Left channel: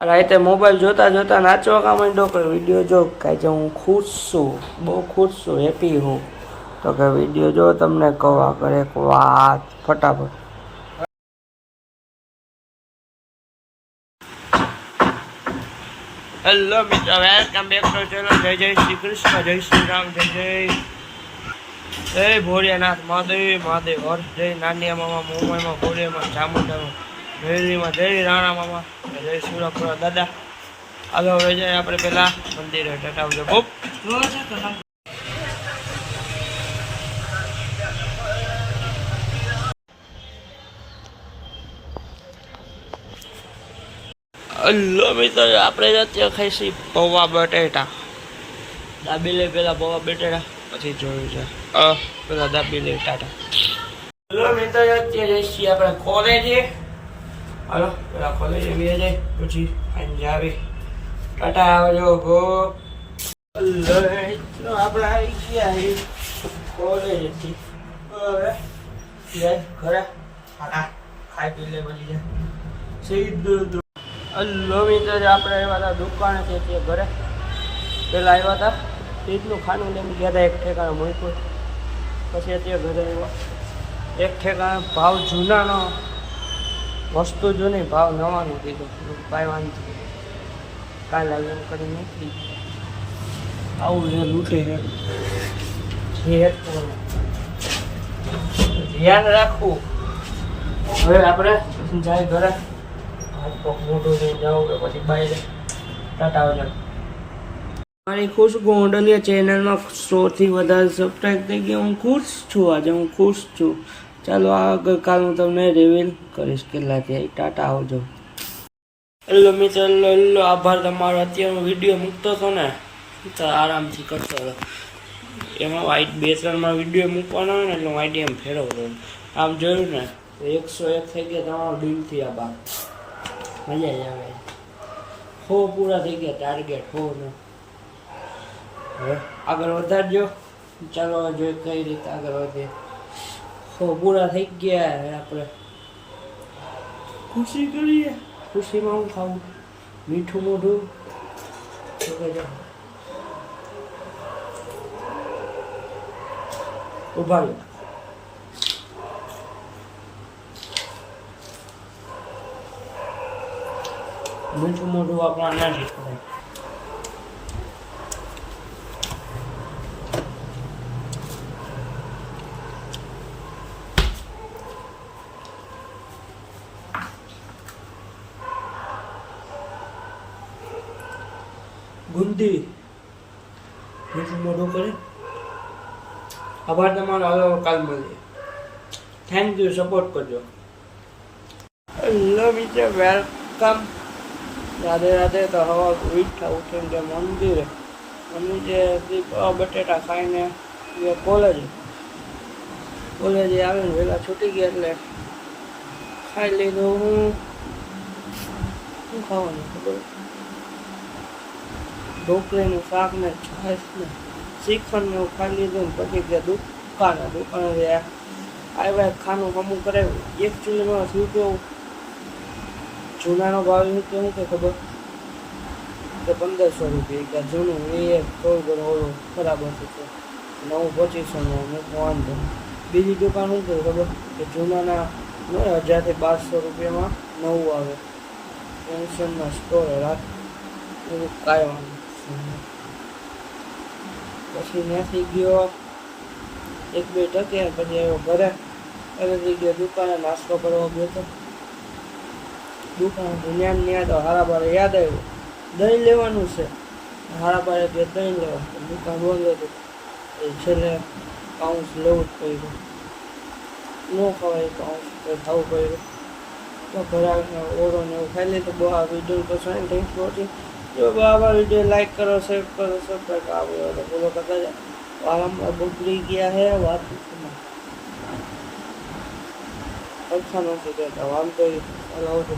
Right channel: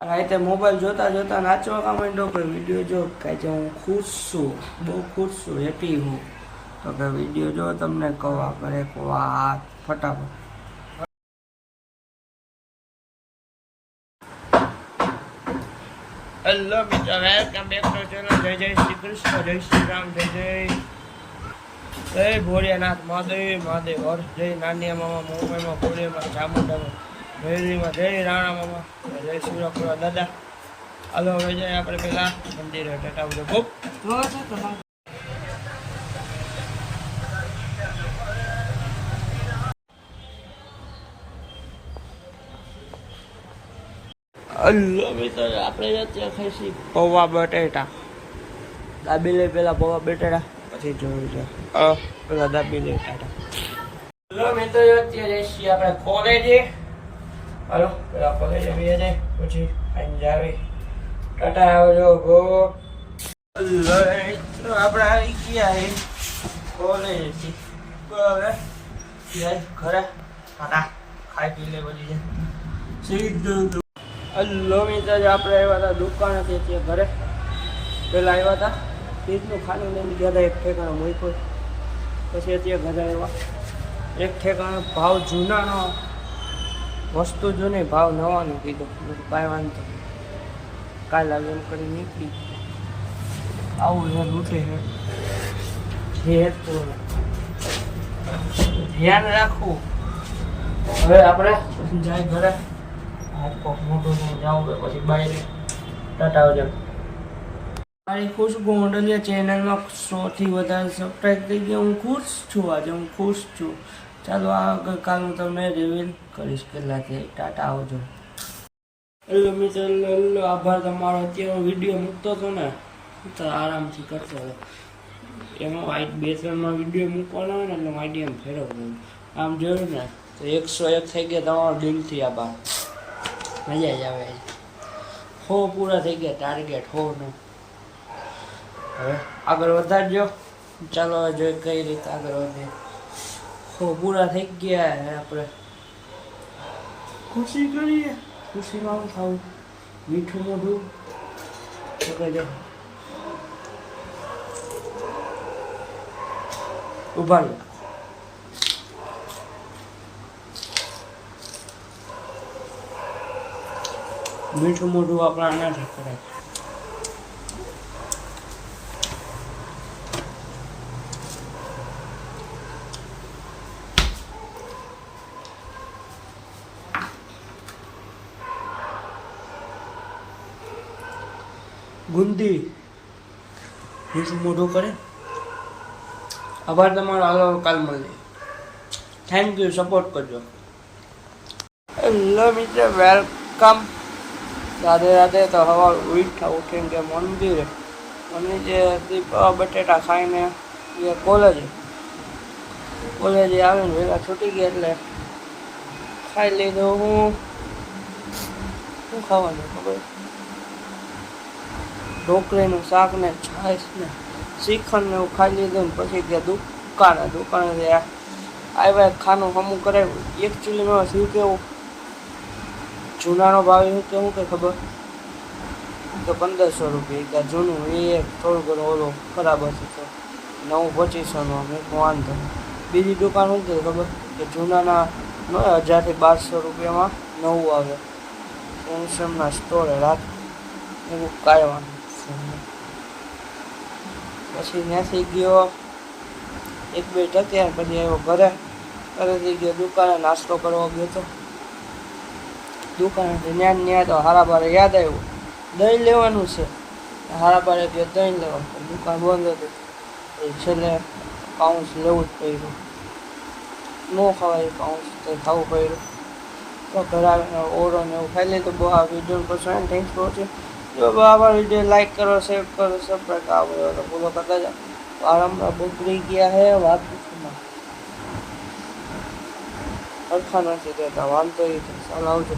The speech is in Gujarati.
રાતે મોબાઈલ જોતા જોતા નાચવા કા માંડ્યો કે વિડીયો જો કાંઈ જે હું ખુશ છું, બહુ ખુશ છું, હેપી હું. તો કે વિડીયો જો તમને કહો આગળ એક વાત ફટાફટ. હેલો મિત્રો, વેલકમ બેક ટુ ચેનલ. જય જય શ્રી કૃષ્ણ, જય શ્રી રામ, જય ભોળિયાનાથ મહાદેવ મહાદેવ. હર જય નાનિયા મામા, મુંબઈમાં ભોળિયામાં, ચામુંડામાં, ભેરવીમાં, જય રાણા મામા, જય સુરપુરા દાદા. હાલો હવે જાય આપણે પેલા મંદિરે. ટાટા બધો બોપ. હલો મિત્રો, આપણે અત્યારે ખાઈશી પૌવા બટેટા. દાબેલી પેલા પૌવા બટેટા, પછી જોયું છે પેલા દાબેલી ટાટા. હલો મિત્રો, અત્યારે જઈશી આપણે કોલેજે. હાલો પેલા કોલેજે બે જાય, પછી સાંજે આવી ટાટા આવજો ગો. હલો મિત્રો, આપણે આવી ગયા કોલેજથી. હવે જાય ઘરે ટાટા ખાઈ પી લે પછી જાય સીધું. હલો મિત્રો, આપણે આવ્યા હતા દુકાનેથી ત્યાં ઘરે. પહેલાં આવ્યા હતા ઈદનું ખાનું લઈને ગયા હતા, એક ઠેકાણે મૂક્યું. પછી અત્યારે ઘરે આવ્યા. એક ઠેકાણે ભાવ જૂનાનો વસ્તુ જૂની, ભાવ નવાનો કીધો. કાંઈ વાંધો કાલે આવે એમ કરી નીકળી ગયા. આવું છે લૂંટે છે ધ્યાન રાખવું. હવે આપણે જાય ઘરે. મોટું થઈ જવું પછી બાય ટાટા આવજો. મારી ખુશ ગોંડલિયા ચેનલમાં 100થી વધારે સબસ્ક્રાઈબ થઈ ગયા. હું ખુશ છું, આજે હું ખુશ છું. ચાલો આગળ હું તમને રિવીલ કરીશ કેટલા થયા. ટાટા આવજો. હેલો મિત્રો, હેલો આભાર તમારો. અત્યારે હું વિડીયો મૂકતો હતો ને તો આરામથી કરતો હતો. એમાં વાઈટ 2-3 વિડીયો મૂકવાનો હોય ને એટલે હું આઈડી એમ ફેરવતો. આમ જોયું ને તો 101 થઈ ગયા. તમારો દિલથી આભાર. મજા જ આવે. 100 પૂરા થઈ ગયા ટાર્ગેટ 100નો. હવે આગળ વધારજો. ચાલો હવે જોઈએ કઈ રીતે આગળ વધે. 100 પૂરા થઈ ગયા. આપણે ખુશી કરીએ. ખુશીમાં હું ખાવું મીઠું મોઢું શું કહેજો. ઉભા રહ્યો. મીઠું મોઢું આપણા આનાથી કરાય. ગુંદી મીઠું મોઢું કરે. આભાર તમારો. હાલો કાલ મળીએ. થેન્ક યુ, સપોર્ટ કરજો. હેલો મિત્ર, વેલકમ. રાધે રાધે. તો હવા ઉઠીને કે મંદિરે બટેટા ખાઈને કોલેજે આવીને વહેલા છૂટી ગયા એટલે ખાઈ લીધું. શું ખાવાનું ખબર? ઢોકળીનું શાક ને છાશ ને શ્રીખંડ ને એવું ખાઈ લીધું ને પછી ગયા દુકાને આવ્યા. ખાનું હમું કરાવ્યું. એકચ્યુઅલીમાં શું કેવું, જૂનાનો ભાવ શું કેવું કે ખબર તો 1500 રૂપિયા. કે જૂનું એ થોડું ઘણું ઓલું ખરાબ હતું તો નવું 2500નો વાંધો. બીજી દુકાન શું કે ખબર કે જૂનાના 1000થી 1200 રૂપિયામાં નવું આવે. સેમસંગના સ્ટોરે રાખ એવું કાંઈ વાંધો. પછી ત્યાંથી ગયો 1-2 ટક્યા. પછી આવ્યો ઘરેથી ગયો દુકાને નાસ્તો કરવા ગયો તો દુકાનેથી ન્યા તો હારાબારે યાદ આવ્યું દહીં લેવાનું છે. હારાબારે ગયો દહીં લેવા. દુકાન બંધ હતી. છેલ્લે પાઉસ લેવું જ પડ્યું. ન ખવાય પાઉસ તો ખાવું પડ્યું. તો ઘરે આવીને ઓળો ને એવું ખાઈ લીધું. બહુ આ વિડીયો પસંદ. Thanks for watching. જો આવા વિડીયો લાઈક કરો, શેર કરો, સબસ્ક્રાઈબ આવ્યો તો ફોલો કરતા જાય. આરામમાં બગડી ગયા હે વાત પૂછવામાં. સરખા નથી રહેતા. વાંધો એ ચાલો આવજો.